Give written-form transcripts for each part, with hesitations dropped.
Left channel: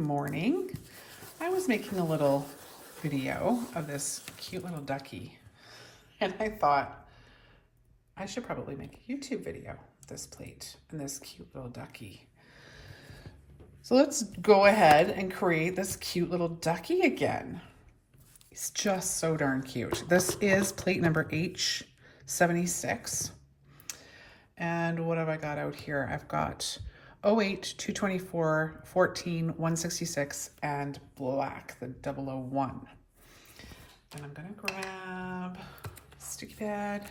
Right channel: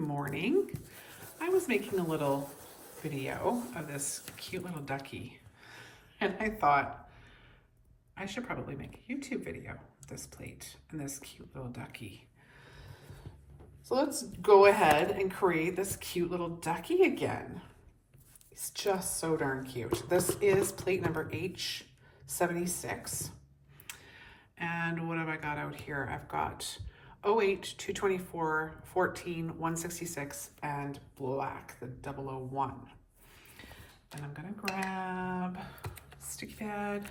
morning. I was making a little video of this cute little ducky, and I thought I should probably make a YouTube video of this plate and this cute little ducky. So let's go ahead and create this cute little ducky again. He's just so darn cute. This is plate number H-76. And what have I got out here? I've got 08, 224, 14, 166, and black, the 001. And I'm gonna grab sticky pad.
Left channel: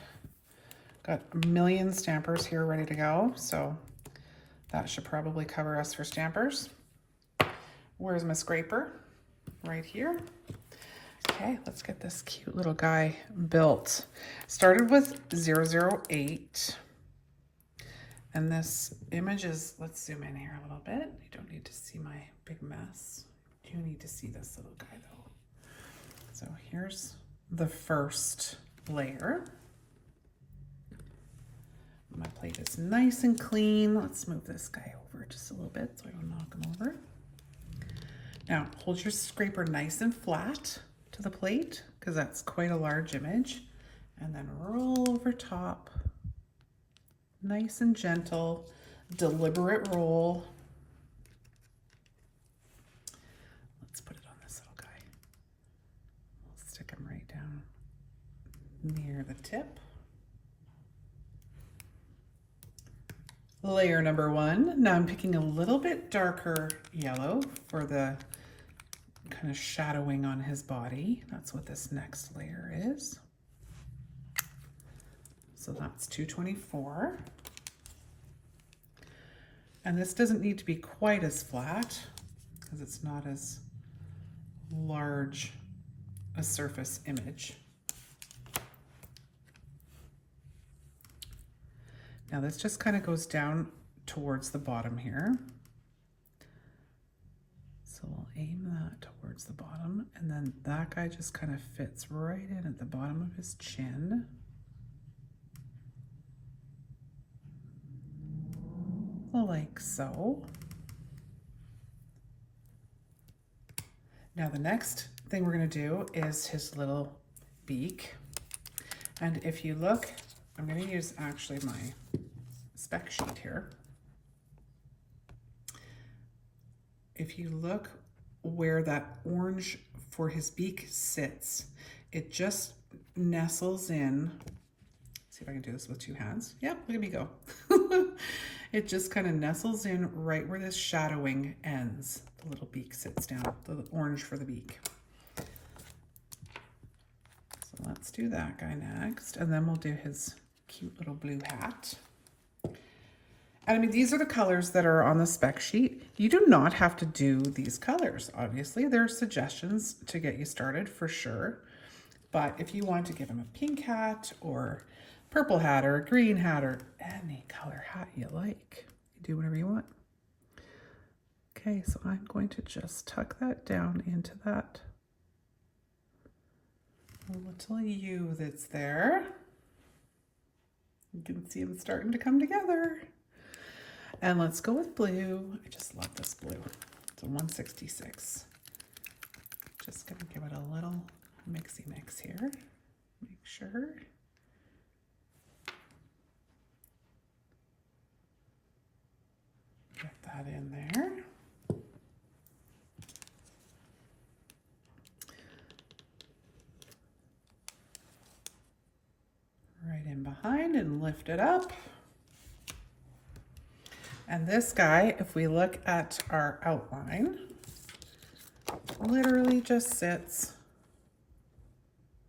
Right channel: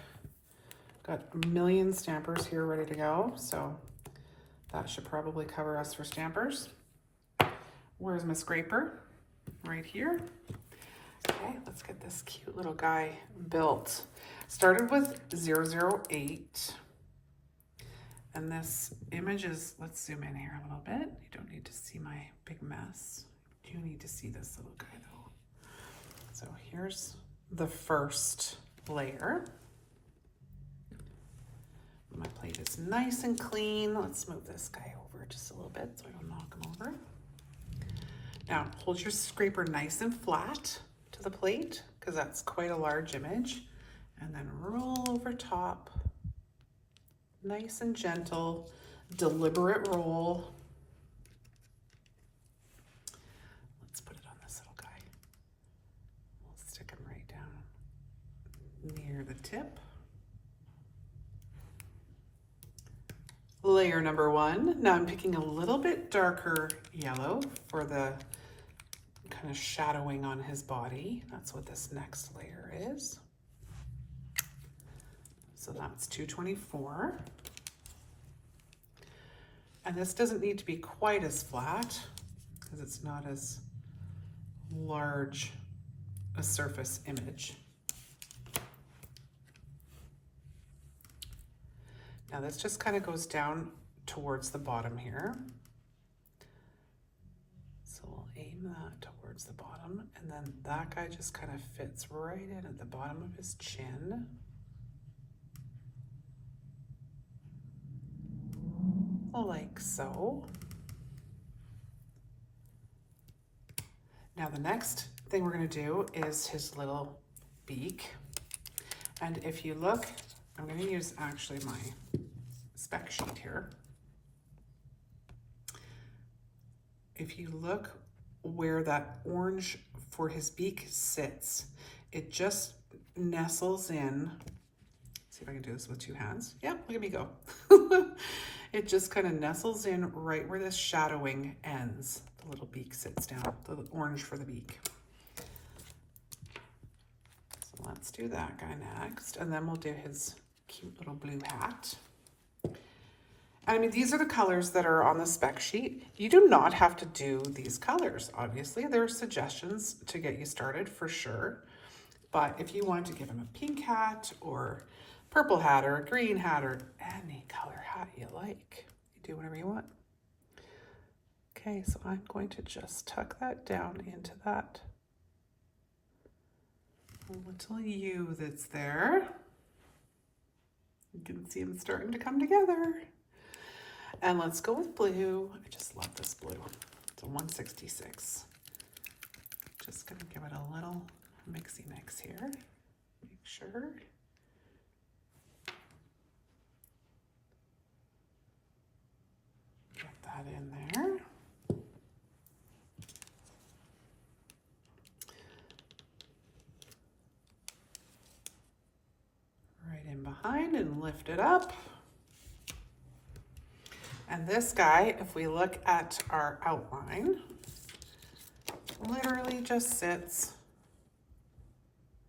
Got a million stampers here ready to go, so that should probably cover us for stampers. Where's my scraper? Right here. Okay, let's get this cute little guy built. Started with 008. And this image is, let's zoom in here a little bit. You don't need to see my big mess. You do need to see this little guy though. So here's the first layer. My plate is nice and clean. Let's move this guy over just a little bit so I don't knock him over. Now hold your scraper nice and flat to the plate because that's quite a large image. And then roll over top. Nice and gentle, deliberate roll. Let's put it on this little guy. We'll stick him right down near the tip. Layer number one. Now I'm picking a little bit darker yellow for the kind of shadowing on his body. That's what this next layer is. So that's 224. And this doesn't need to be quite as flat because it's not as large a surface image. Now this just kind of goes down towards the bottom here. So we'll aim that towards the bottom, and then that guy just kind of fits right in at the bottom of his chin. Like so. Now the next thing we're going to do is his little beak. And if you look, I'm going to use actually my spec sheet here. If you look where that orange for his beak sits, it just nestles in. See if I can do this with two hands. Yep, look at me go. It just kind of nestles in right where this shadowing ends. The little beak sits down, the orange for the beak. So let's do that guy next, and then we'll do his cute little blue hat. And I mean, these are the colors that are on the spec sheet. You do not have to do these colors. Obviously, there are suggestions to get you started for sure. But if you want to give him a pink hat or purple hat or a green hat or any color hat you like, you do whatever you want. Okay, so I'm going to just tuck that down into that little U that's there. You can see them starting to come together. And let's go with blue. I just love this blue. It's a 166. Just gonna give it a little mixy mix here. Make sure. Get that in there. Right in behind and lift it up. And this guy, if we look at our outline, literally just sits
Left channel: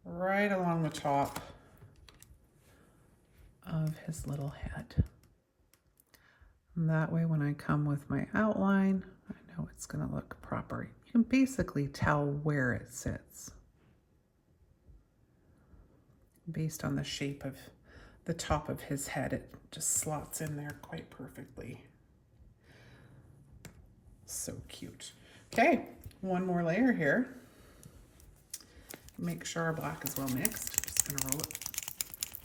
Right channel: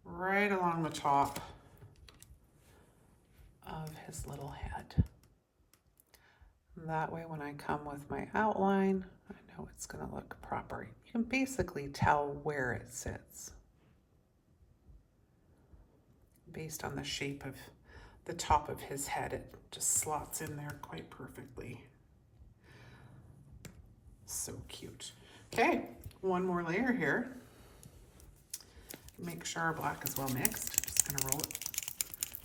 right along the top of his little head. And that way when I come with my outline, I know it's gonna look proper. You can basically tell where it sits based on the shape of the top of his head. It just slots in there quite perfectly. So cute. Okay, one more layer here. Make sure our black is well mixed. Just gonna roll it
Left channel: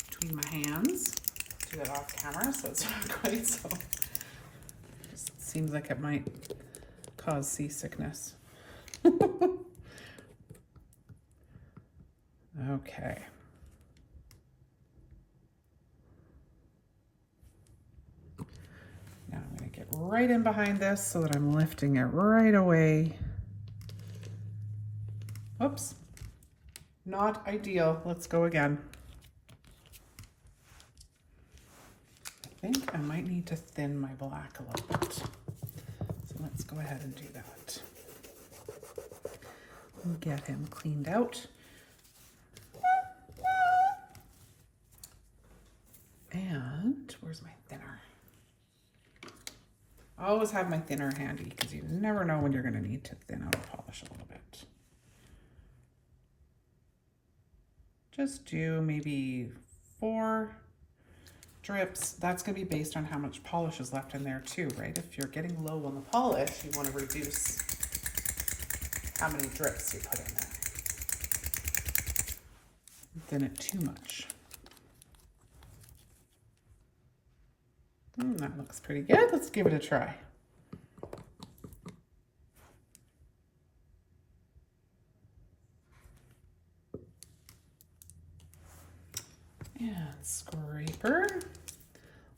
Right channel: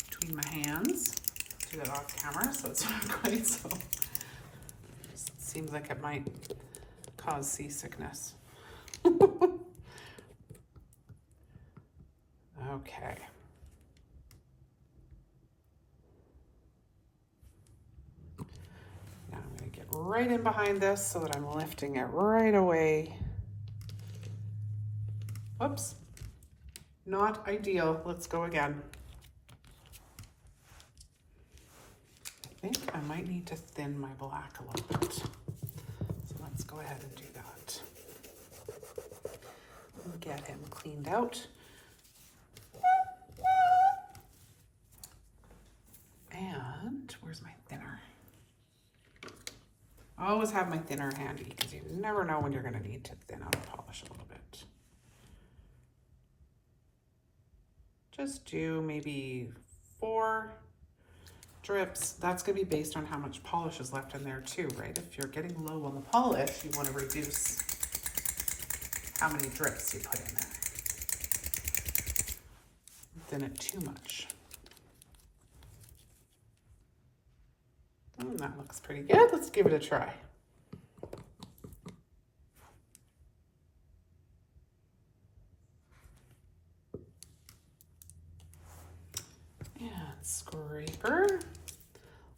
between my hands. Do that off camera so it's not quite so. Just seems like it might cause seasickness. Okay. Now I'm going to get right in behind this so that I'm lifting it right away. Whoops. Not ideal. Let's go again. I think I might need to thin my black a little bit. So let's go ahead and do that. We'll get him cleaned out. And where's my thinner? I always have my thinner handy because you never know when you're going to need to thin out a polish a little bit. Just do maybe 4 drips. That's going to be based on how much polish is left in there too, right? If you're getting low on the polish, you want to reduce how many drips you put in there. Thin it too much. That looks pretty good. Let's give it a try. And scraper.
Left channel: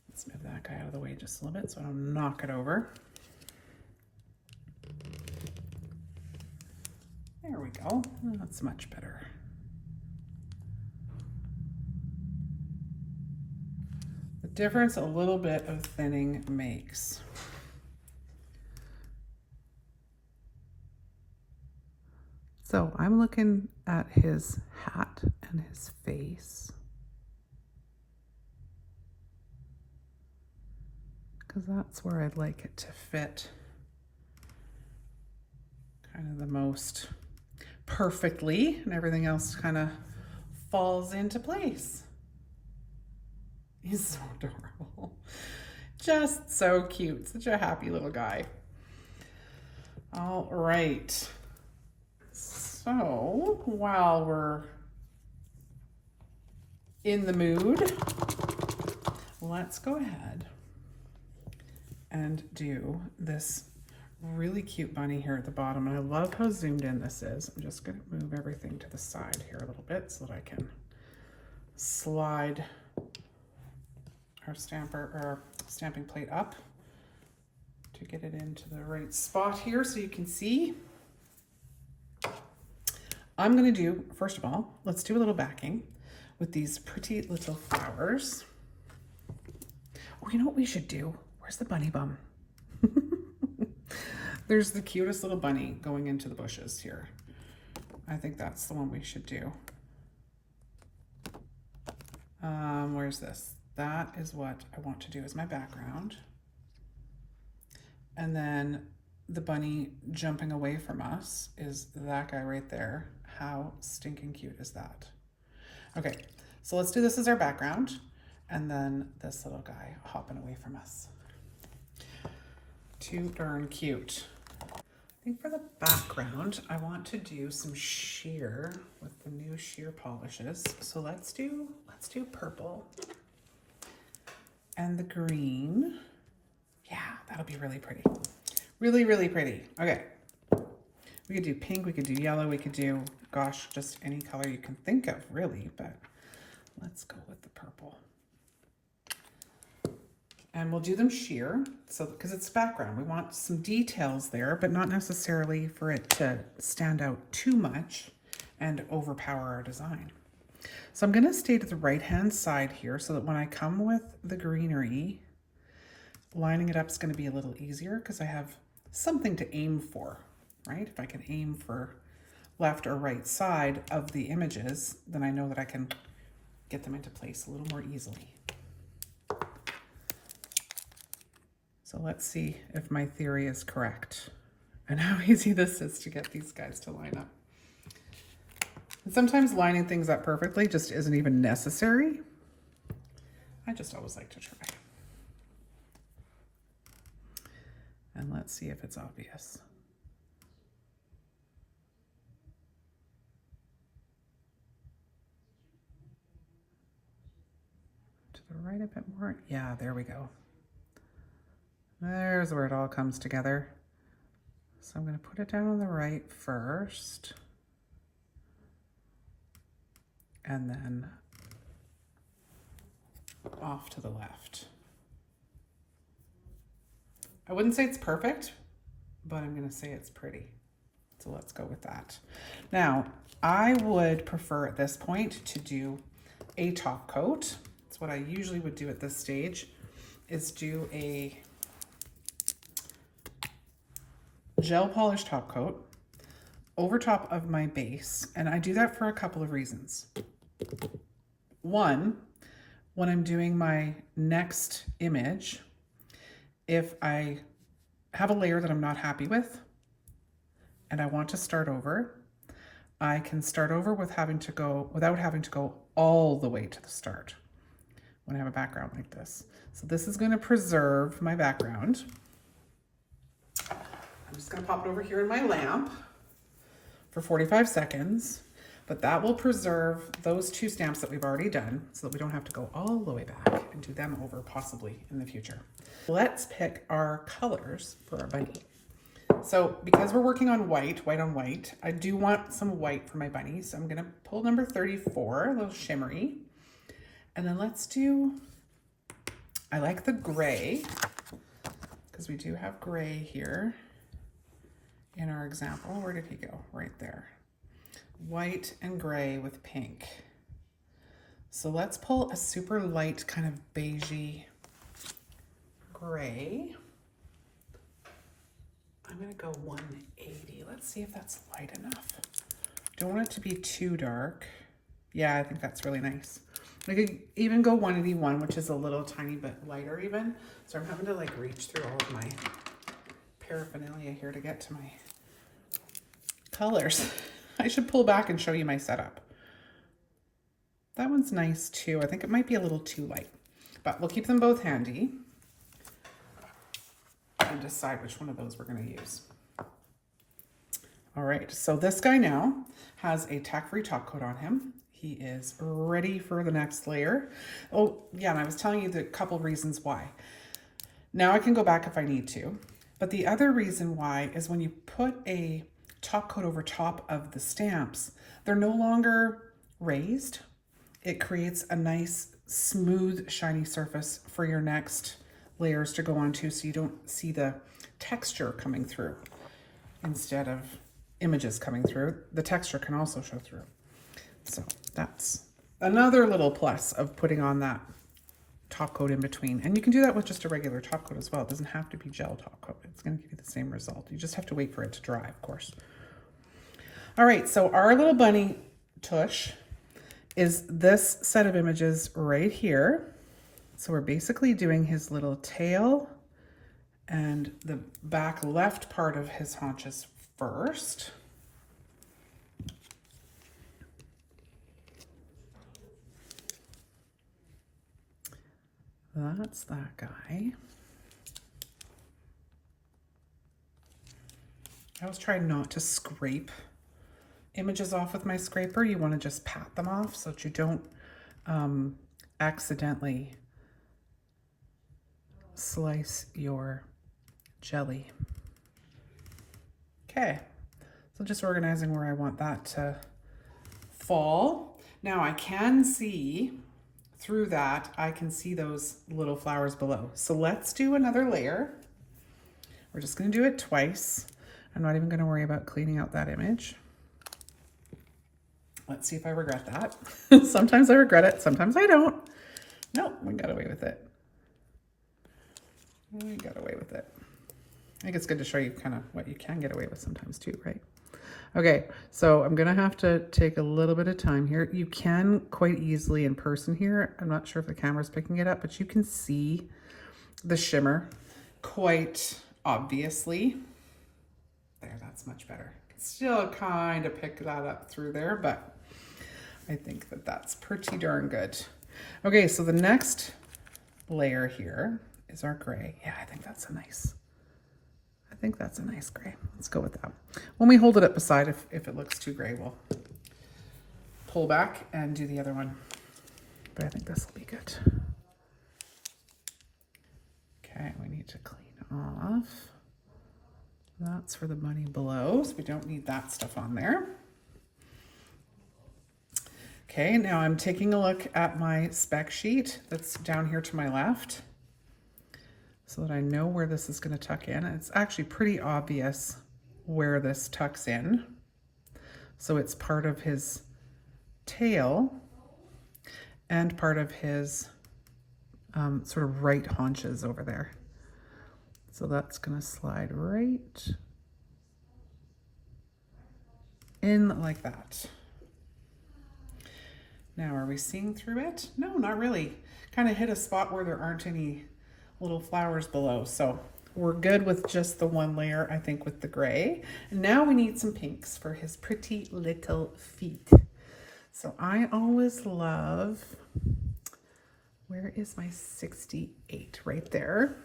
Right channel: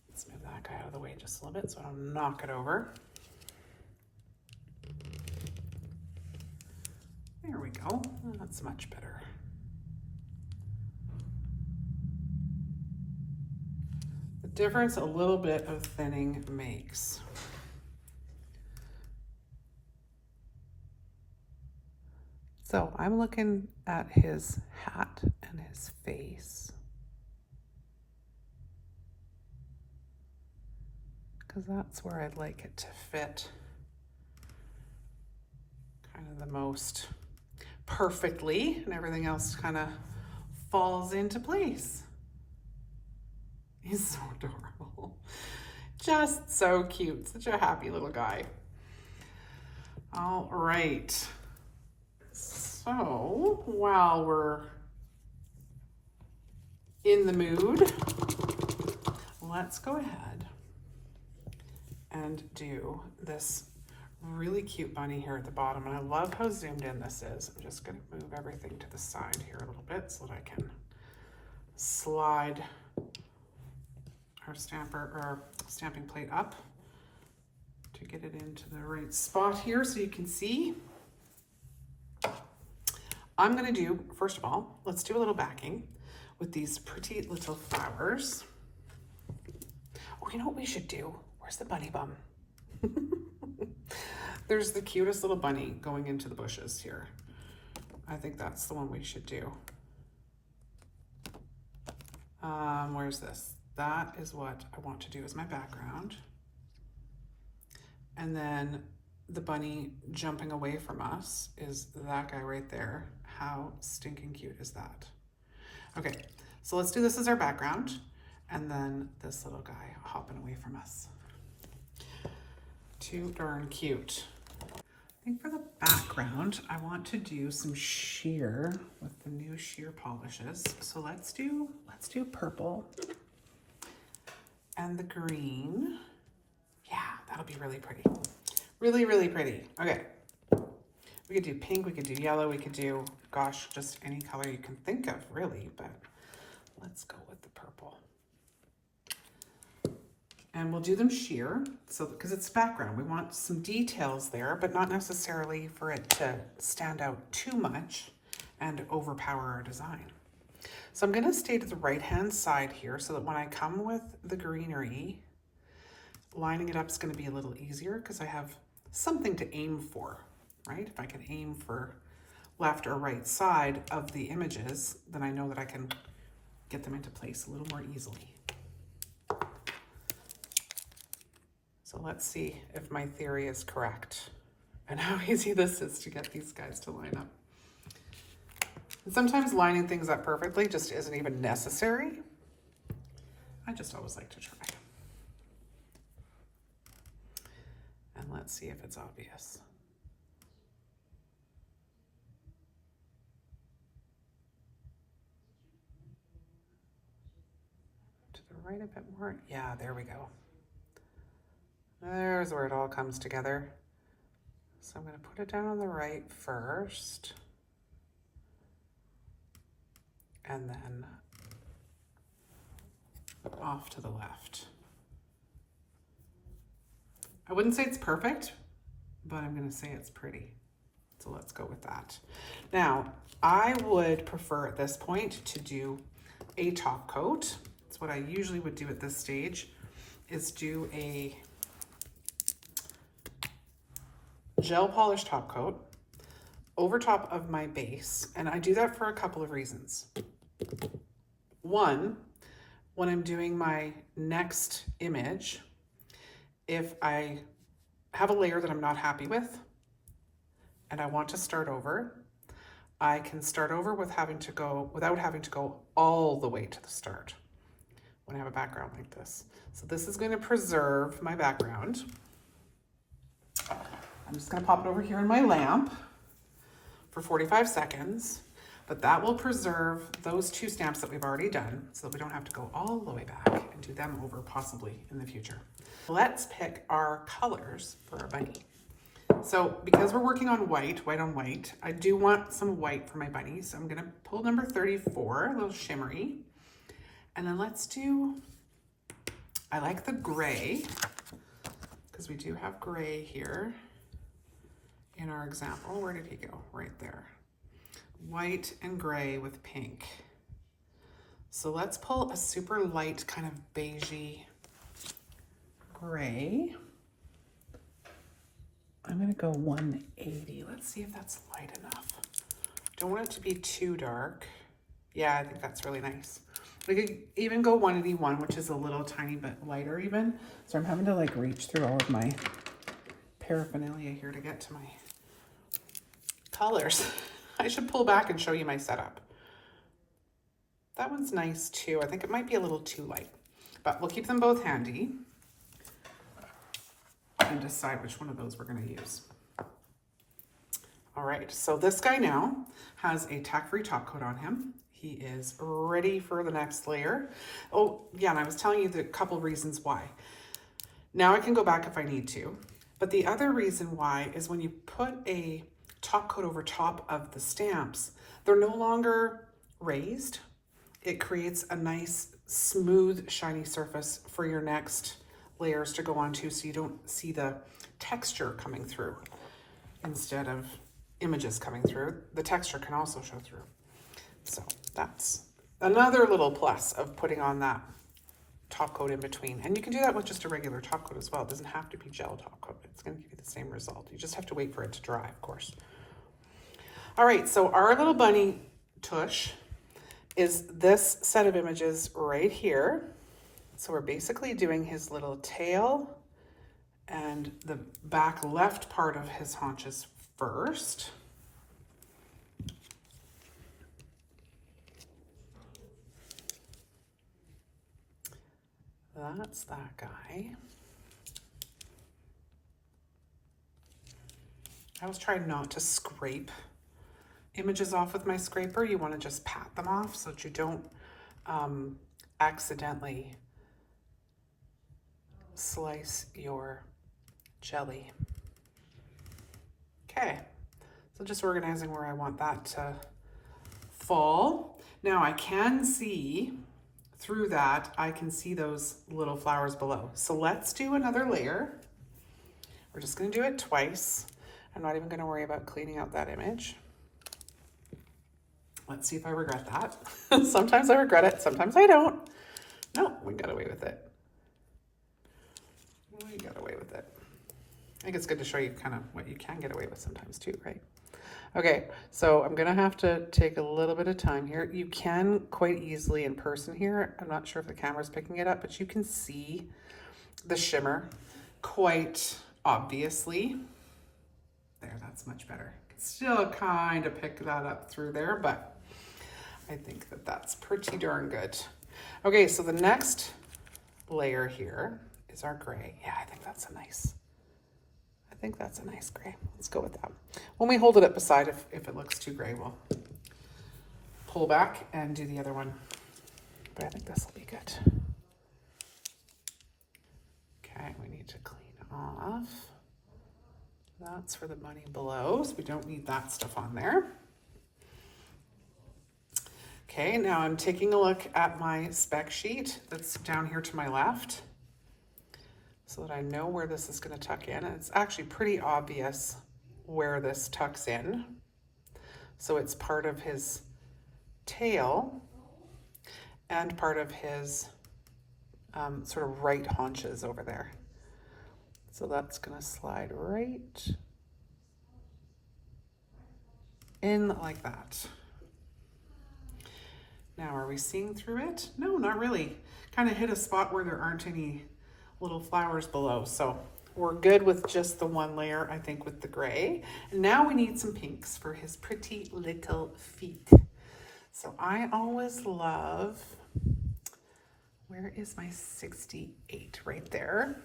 Let's move that guy out of the way just a little bit so I don't knock it over. There we go. That's much better. The difference a little bit of thinning makes. So I'm looking at his hat and his face, because that's where I'd like it to fit kind of the most perfectly, and everything else kind of falls into place. He's so adorable. Just so cute. Such a happy little guy. All right. So while we're in the mood, let's go ahead and do this really cute bunny here at the bottom. And I love how zoomed in this is. I'm just going to move everything to the side here a little bit so that I can slide our stamping plate up to get it into the right spot here so you can see. I'm going to do, first of all, let's do a little backing with these pretty little flowers. Oh, you know what we should do? Where's the bunny bum? There's the cutest little bunny going into the bushes here. I think that's the one we should do. Where's this? That is what I want to do as my background. And then the bunny jumping away from us is that guy right there. How stinking cute is that? Okay, so let's do this as our background, and then this little guy hopping away from us. Too darn cute. I think for the background, I want to do some sheer with the new sheer polishes. So let's do purple and the green. Yeah, that'll be really pretty. Really, really pretty. Okay. We could do pink, we could do yellow, we could do, gosh, just any color you can think of, really, but let's go with the purple. And we'll do them sheer, so because it's background. We want some details there, but not necessarily for it to stand out too much and overpower our design. So I'm gonna stay to the right-hand side here so that when I come with the greenery, lining it up is gonna be a little easier because I have something to aim for, right? If I can aim for left or right side of the images, then I know that I can get them into place a little more easily. So let's see if my theory is correct and how easy this is to get these guys to line up. And sometimes lining things up perfectly just isn't even necessary. I just always like to try. And let's see if it's obvious. To the right a bit more. Yeah, there we go. There's where it all comes together. So I'm going to put it down on the right first, and then off to the left. I wouldn't say it's perfect, but I'm going to say it's pretty. So let's go with that. Now, I would prefer at this point to do a top coat. That's what I usually would do at this stage, is do a gel polish top coat over top of my base. And I do that for a couple of reasons. One, when I'm doing my next image, if I have a layer that I'm not happy with and I want to start over, I can start over without having to go all the way to the start when I have a background like this. So this is going to preserve my background. I'm just going to pop it over here in my lamp for 45 seconds, but that will preserve those two stamps that we've already done so that we don't have to go all the way back and do them over possibly in the future. Let's pick our colors for our bunny. So because we're working on white on white, I do want some white for my bunny. So I'm going to pull number 34, a little shimmery. And then let's do, I like the gray, because we do have gray here in our example. Where did he go? Right there. White and gray with pink. So let's pull a super light kind of beigey gray. I'm gonna go 180. Let's see if that's light enough. Don't want it to be too dark. Yeah, I think that's really nice. I could even go 181, which is a little tiny bit lighter even. So I'm having to like reach through all of my paraphernalia here to get to my colors. I should pull back and show you my setup. That one's nice too. I think it might be a little too light, but we'll keep them both handy and decide which one of those we're going to use. All right, so this guy now has a tack-free top coat on him. He is ready for the next layer. Oh yeah, and I was telling you the couple reasons why. Now I can go back if I need to, but the other reason why is when you put a top coat over top of the stamps, they're no longer raised. It creates a nice, smooth, shiny surface for your next layers to go onto, so you don't see the texture coming through. Instead of images coming through, the texture can also show through. So that's another little plus of putting on that top coat in between. And you can do that with just a regular top coat as well. It doesn't have to be gel top coat. It's going to give you the same result. You just have to wait for it to dry, of course. All right, so our little bunny tush is this set of images right here. So we're basically doing his little tail and the back left part of his haunches first. That's that guy. I always try not to scrape images off with my scraper. You want to just pat them off so that you don't accidentally slice your jelly. Okay, so just organizing where I want that to fall. Now I can see through that, I can see those little flowers below. So let's do another layer. We're just going to do it twice. I'm not even going to worry about cleaning out that image. Let's see if I regret that. Sometimes I regret it, sometimes I don't. No, we got away with it. We got away with it. I think it's good to show you kind of what you can get away with sometimes too, right? Okay, so I'm gonna have to take a little bit of time here. You can quite easily in person here. I'm not sure if the camera's picking it up, but you can see the shimmer quite obviously. There, that's much better. Still kind of pick that up through there, but I think that that's pretty darn good. Okay, so the next layer here is our gray. Yeah, I think that's a nice gray. Let's go with that. When we hold it up beside, if it looks too gray, we'll pull back and do the other one. But I think this will be good. Okay, we need to clean off That's for the bunny below, so we don't need that stuff on there. Okay, now I'm taking a look at my spec sheet that's down here to my left so that I know where this is going to tuck in. It's actually pretty obvious where this tucks in. So it's part of his tail and part of his sort of right haunches over there. So that's going to slide right in like that. Now, are we seeing through it? No, not really. Kind of hit a spot where there aren't any little flowers below. So we're good with just the one layer, I think, with the gray. And now we need some pinks for his pretty little feet. So I always love, where is my 68? Right there.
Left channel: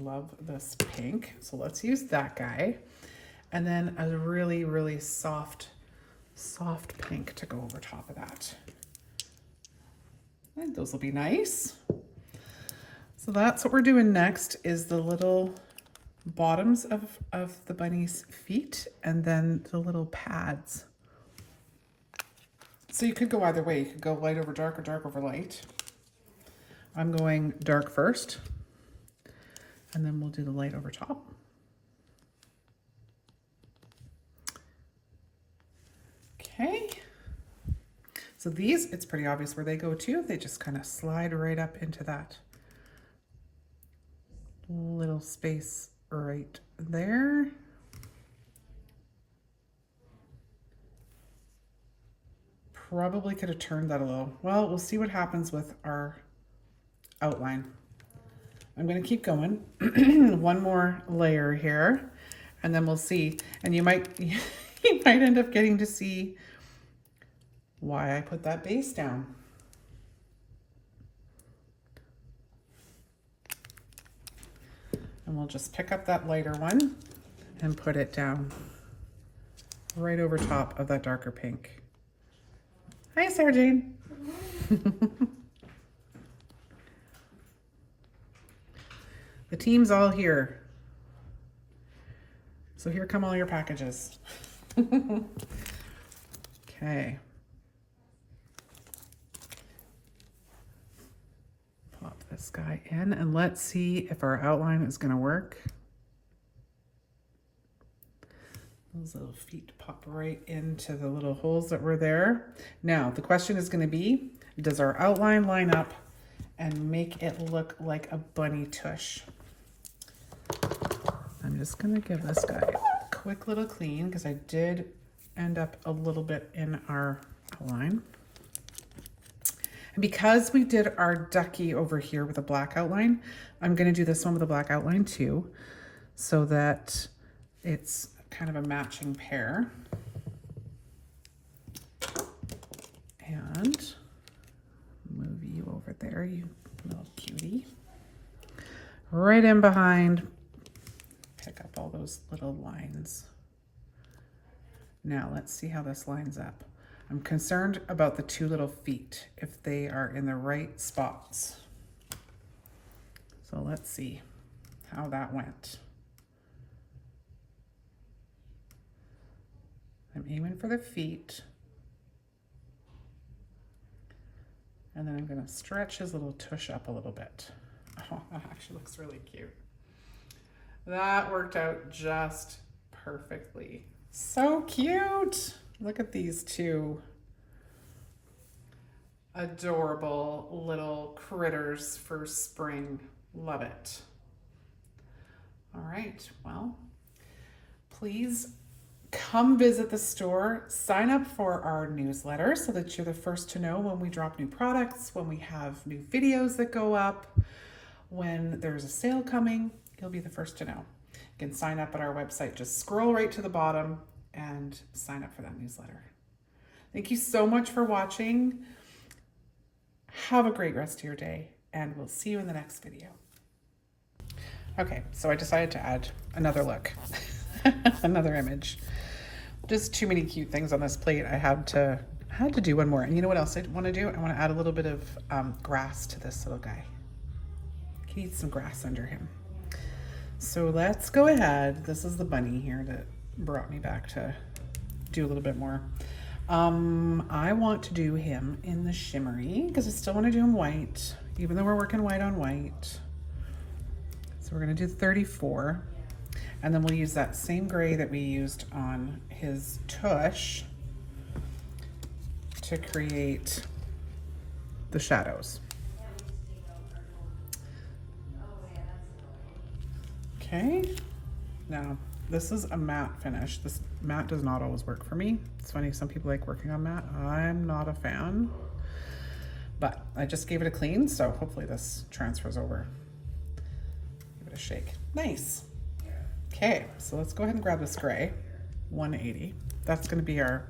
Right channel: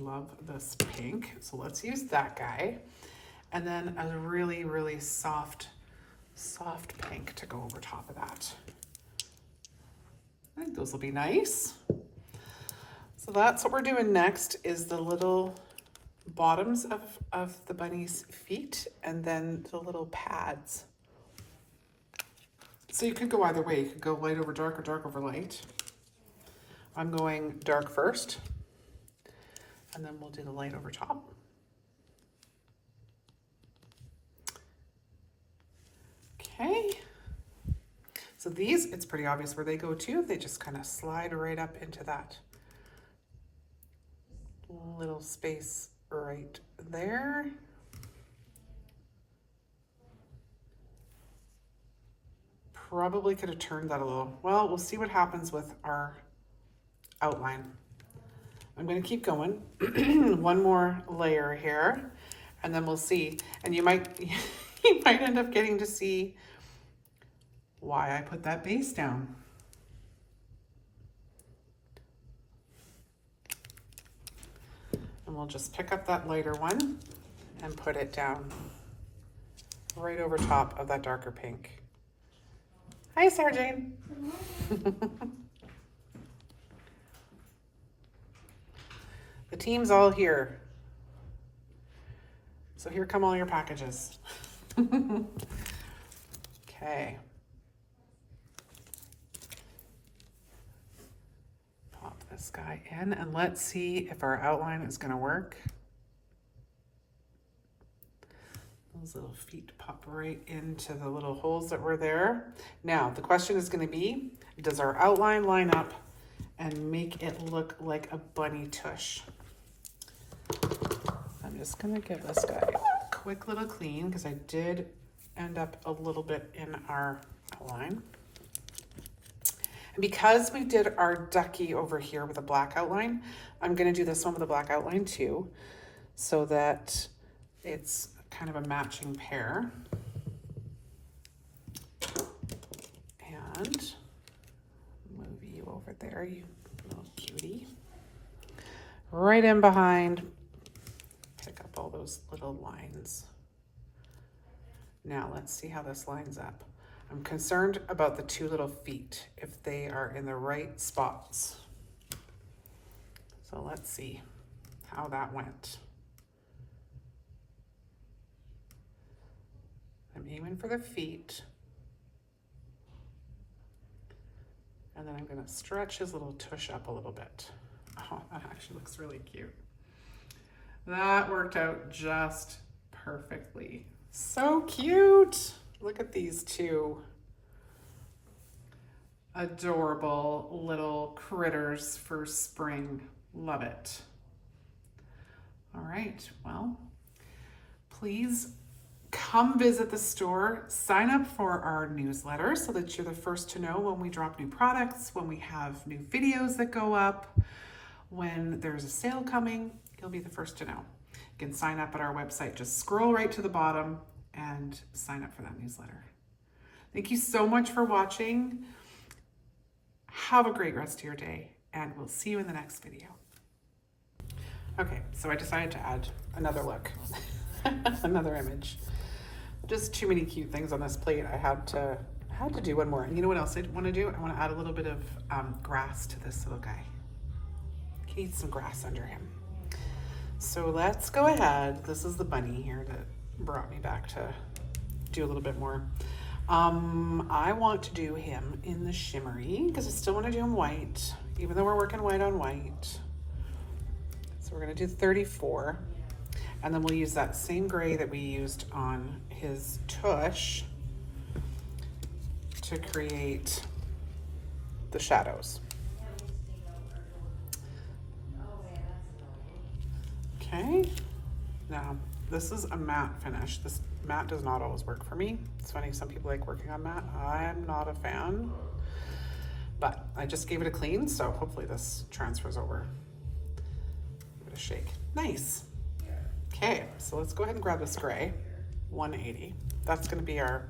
Love this pink. So let's use that guy. And then a really, really soft pink to go over top of that. I think those will be nice. So that's what we're doing next, is the little bottoms of the bunny's feet and then the little pads. So you could go either way. You could go light over dark or dark over light. I'm going dark first, and then we'll do the light over top. Okay. So these, it's pretty obvious where they go to. They just kind of slide right up into that little space right there. Probably could have turned that a little. Well, we'll see what happens with our outline. I'm going to keep going. One more layer here, and then we'll see. And you might end up getting to see why I put that base down. And we'll just pick up that lighter one and put it down right over top of that darker pink. Hi, Sarah Jane. The team's all here. So here come all your packages. Okay. Pop this guy in and let's see if our outline is going to work. Those little feet pop right into the little holes that were there. Now, the question is going to be, does our outline line up and make it look like a bunny tush? I'm just going to give this guy a quick little clean because I did end up a little bit in our outline. And because we did our ducky over here with a black outline, I'm going to do this one with a black outline too, so that it's kind of a matching pair. And move you over there, you little cutie. Right in behind, pick up all those little lines. Now let's see how this lines up. I'm concerned about the two little feet, if they are in the right spots. So let's see how that went. I'm aiming for the feet. And then I'm gonna stretch his little tush up a little bit. Oh, that actually looks really cute. That worked out just perfectly. So cute. Look at these two adorable little critters for spring. Love it. All right, well, please come visit the store, sign up for our newsletter so that you're the first to know when we drop new products, when we have new videos that go up, when there's a sale coming, you'll be the first to know. You can sign up at our website. Just scroll right to the bottom and sign up for that newsletter. Thank you so much for watching. Have a great rest of your day, and we'll see you in the next video. Okay, so I decided to add another look, another image. Just too many cute things on this plate. I had to do one more. And you know what else I want to do? I want to add a little bit of grass to this little guy. He needs some grass under him. So let's go ahead. This is the bunny here that brought me back to do a little bit more. I want to do him in the shimmery because I still want to do him white, even though we're working white on white. So we're going to do 34, and then we'll use that same gray that we used on his tush to create the shadows. Okay, now this is a matte finish. This matte does not always work for me. It's funny, some people like working on matte. I'm not a fan, but I just gave it a clean, so hopefully this transfers over. Give it a shake. Nice. Okay, so let's go ahead and grab this gray, 180. That's gonna be our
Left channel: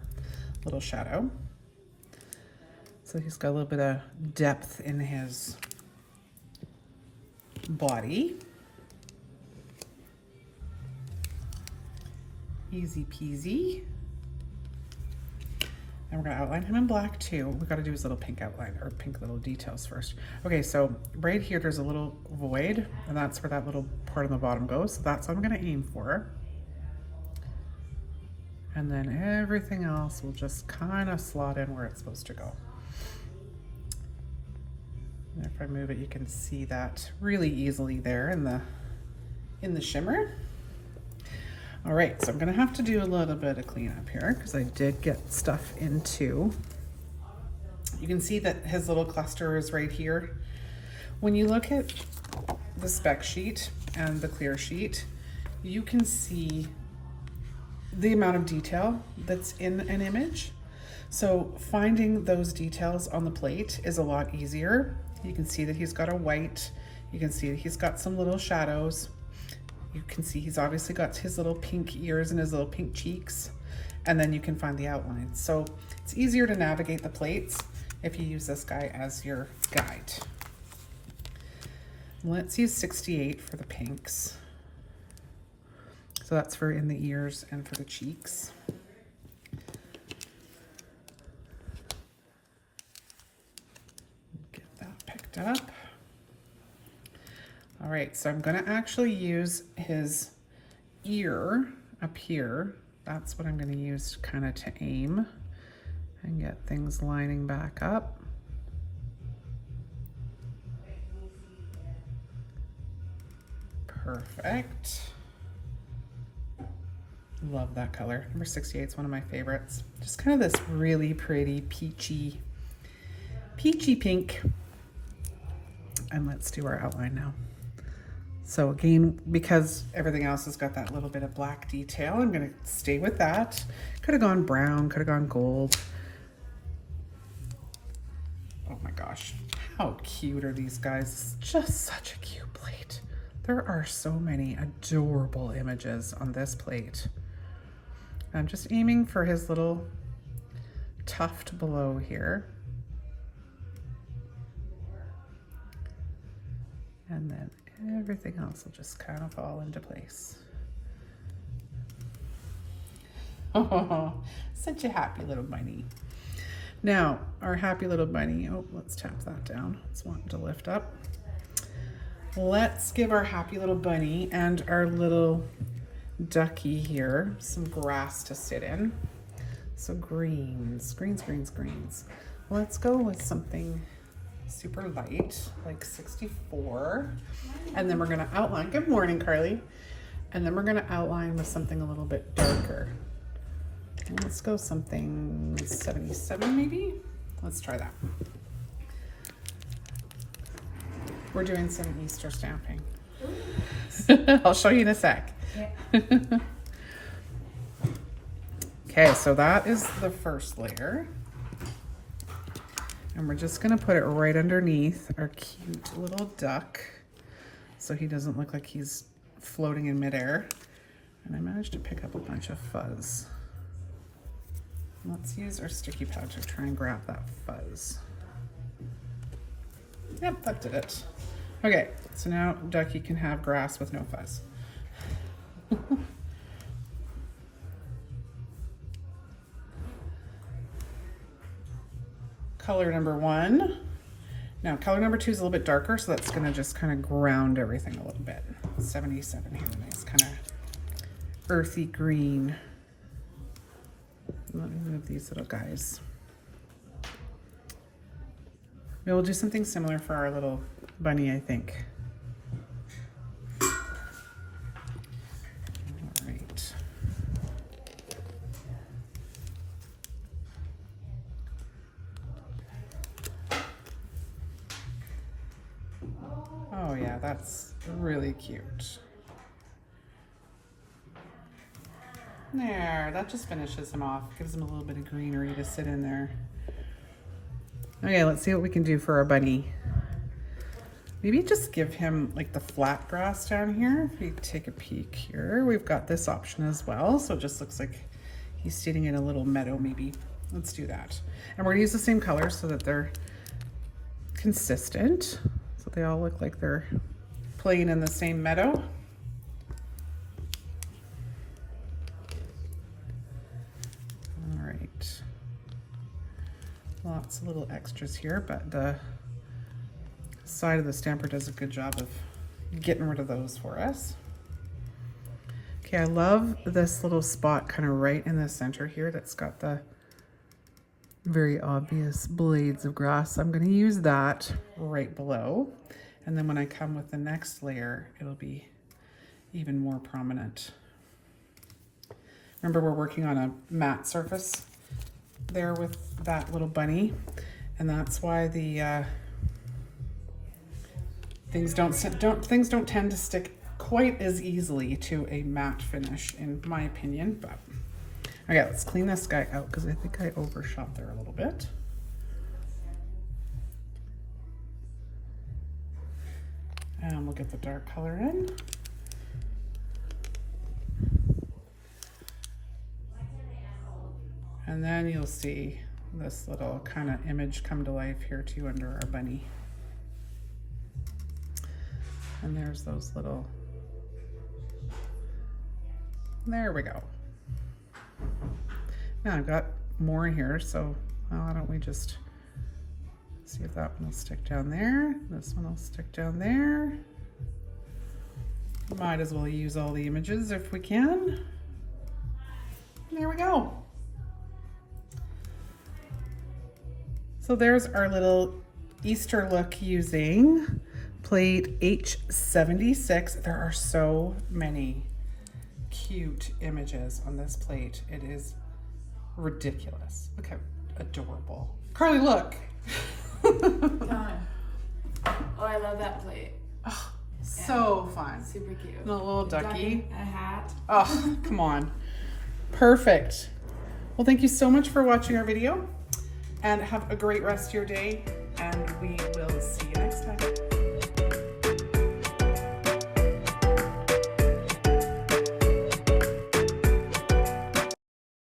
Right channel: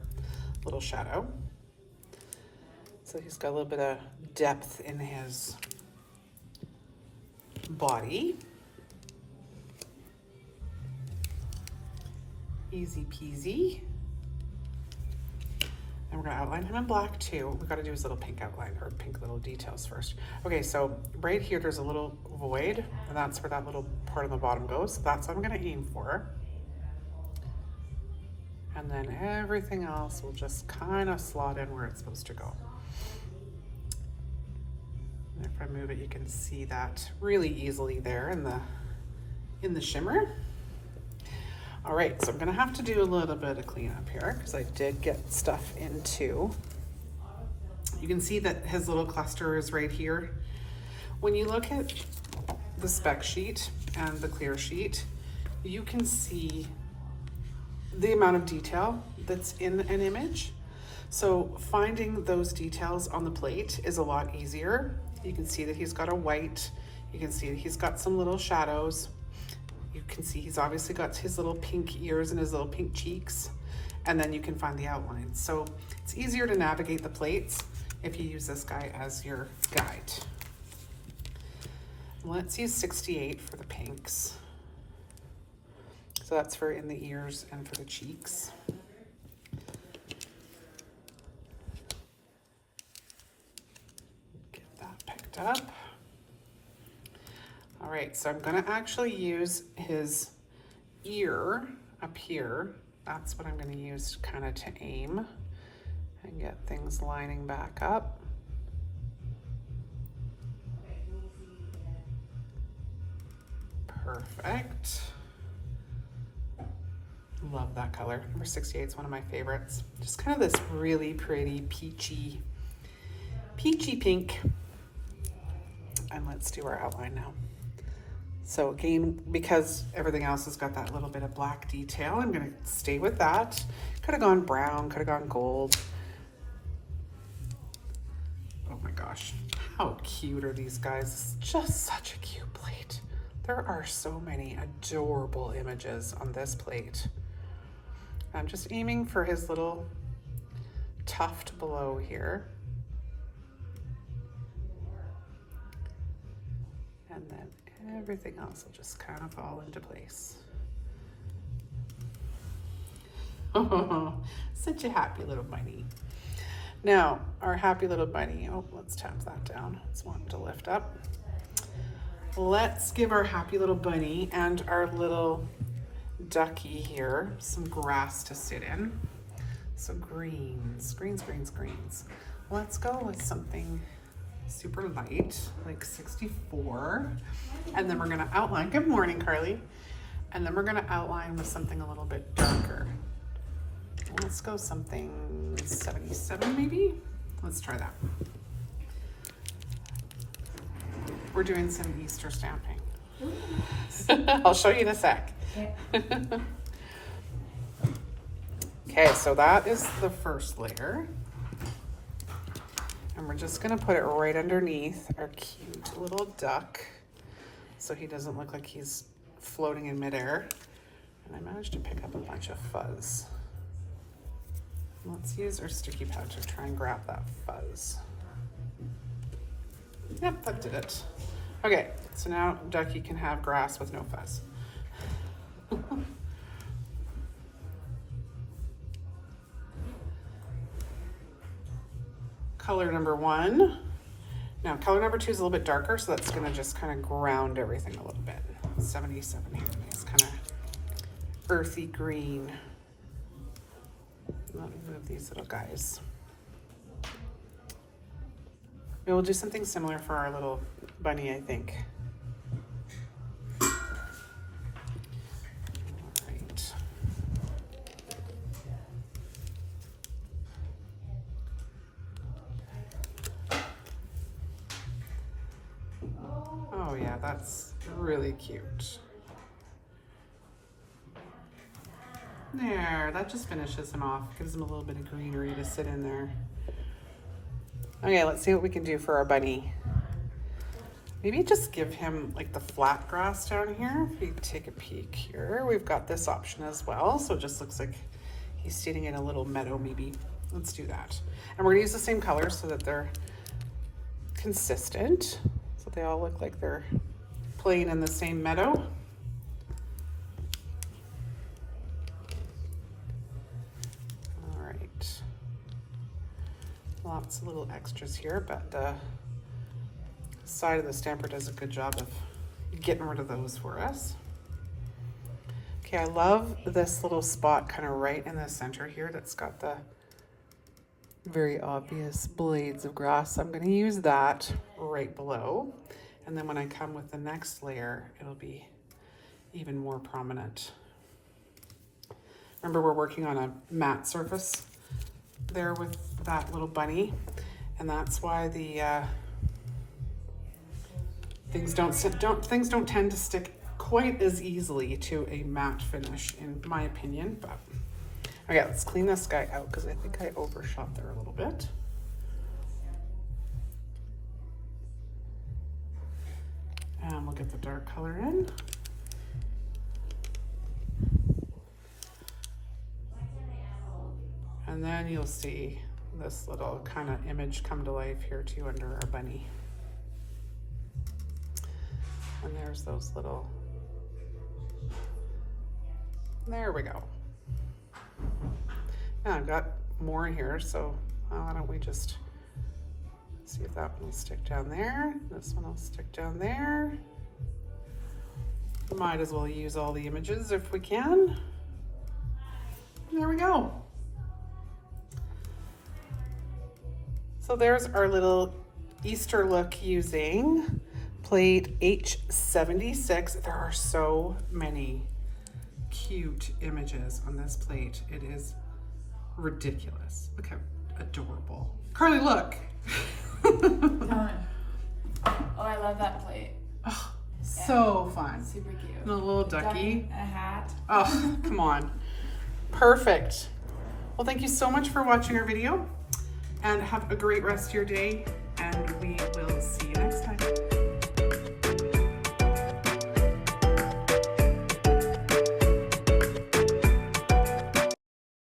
little shadow. So he's got a little bit of depth in his body. Easy peasy. And we're gonna outline him in black too. We've got to do his little pink outline, or pink little details first. Okay, so right here there's a little void, and that's where that little part on the bottom goes. So that's what I'm gonna aim for. And then everything else will just kind of slot in where it's supposed to go. And if I move it, you can see that really easily there in the shimmer. All right, so I'm gonna have to do a little bit of cleanup here because I did get stuff into. You can see that his little cluster is right here. When you look at the spec sheet and the clear sheet, you can see the amount of detail that's in an image. So finding those details on the plate is a lot easier. You can see that he's got a white, you can see that he's got some little shadows. You can see he's obviously got his little pink ears and his little pink cheeks, and then you can find the outlines. So it's easier to navigate the plates if you use this guy as your guide. Let's use 68 for the pinks. So that's for in the ears and for the cheeks. Get that picked up. All right, so I'm gonna actually use his ear up here. That's what I'm gonna use kind of to aim and get things lining back up. Perfect. Love that color. Number 68 is one of my favorites. Just kind of this really pretty peachy pink. And let's do our outline now. So again, because everything else has got that little bit of black detail, I'm gonna stay with that. Could have gone brown, could have gone gold. Oh my gosh, how cute are these guys? It's just such a cute plate. There are so many adorable images on this plate. I'm just aiming for his little tuft below here. And then everything else will just kind of fall into place. Oh, such a happy little bunny. Now, our happy little bunny, oh, let's tap that down. Let's want it to lift up. Let's give our happy little bunny and our little ducky here some grass to sit in. So greens. Let's go with something super light, like 64. And then we're gonna outline, good morning, Carly. And then we're gonna outline with something a little bit darker. Let's go something 77 maybe? Let's try that. We're doing some Easter stamping. I'll show you in a sec. Yeah. Okay, so that is the first layer. And we're just gonna put it right underneath our cute little duck so he doesn't look like he's floating in midair. And I managed to pick up a bunch of fuzz. Let's use our sticky pad to try and grab that fuzz. Yep, that did it. Okay, so now Ducky can have grass with no fuzz. Color number 1. Now color number 2 is a little bit darker, so that's gonna just kind of ground everything a little bit. 77 here. Nice kind of earthy green. Let me move these little guys. We'll do something similar for our little bunny, I think. All right. Oh yeah, that's really cute. There, that just finishes him off. Gives him a little bit of greenery to sit in there. Okay, let's see what we can do for our bunny. Maybe just give him like the flat grass down here. If we take a peek here, we've got this option as well. So it just looks like he's sitting in a little meadow maybe. Let's do that. And we're gonna use the same colors so that they're consistent. So they all look like they're playing in the same meadow. Lots of little extras here, but the side of the stamper does a good job of getting rid of those for us. Okay, I love this little spot kind of right in the center here that's got the very obvious blades of grass. I'm going to use that right below, and then when I come with the next layer, it'll be even more prominent. Remember, we're working on a matte surface there with that little bunny, and that's why the things don't tend to stick quite as easily to a matte finish, in my opinion. But okay, let's clean this guy out because I think I overshot there a little bit. And we'll get the dark color in. And then you'll see this little kind of image come to life here too under our bunny. And there's those little, there we go. Yeah, I've got more here, so why don't we just see if that one will stick down there. This one will stick down there. Might as well use all the images if we can. There we go. So there's our little Easter look using plate H-76. There are so many cute images on this plate. It is ridiculous. Look how adorable. Carly, look. Oh, I love that plate. Oh, so fun. Super cute. And a little ducky. A hat. Oh, come on. Perfect. Well, thank you so much for watching our video, and have a great rest of your day, and we will see